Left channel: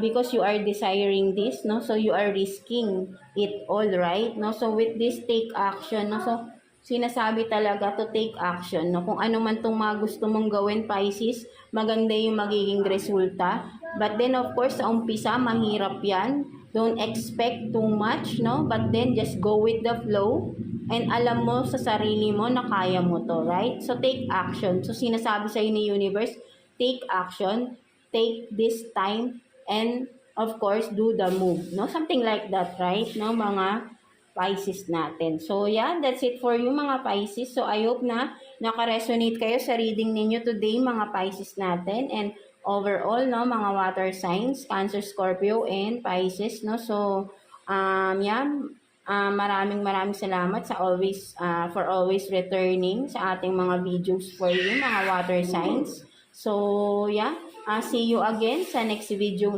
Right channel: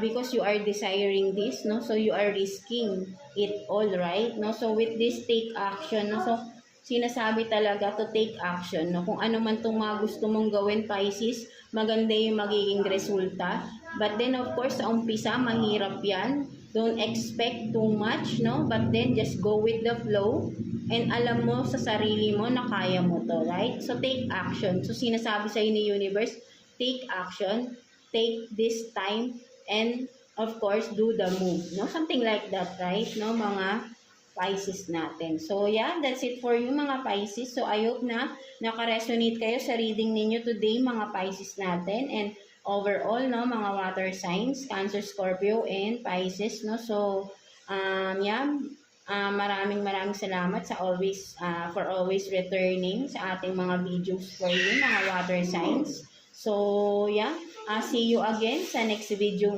because you are desiring this, no? So you are risking it all, right? No? So with this, take action, no? So sinasabi talaga to take action, no? Kung ano man tong mga gusto mong gawin, Pisces, maganda yung magiging resulta. But then of course, sa umpisa, mahirap yan. Don't expect too much, no? But then just go with the flow. And alam mo sa sarili mo na kaya mo to, right? So take action. So sinasabi sa ni universe, take action, take this time, and of course, do the move, no? Something like that, right? No, mga Pisces natin. So yeah, that's it for you mga Pisces. So I hope na naka-resonate kayo sa reading ninyo today mga Pisces natin. And overall, no, mga water signs, Cancer, Scorpio, and Pisces, no? So, yeah, maraming salamat sa for always returning sa ating mga videos for you, mga water signs. So, yeah, see you again sa next video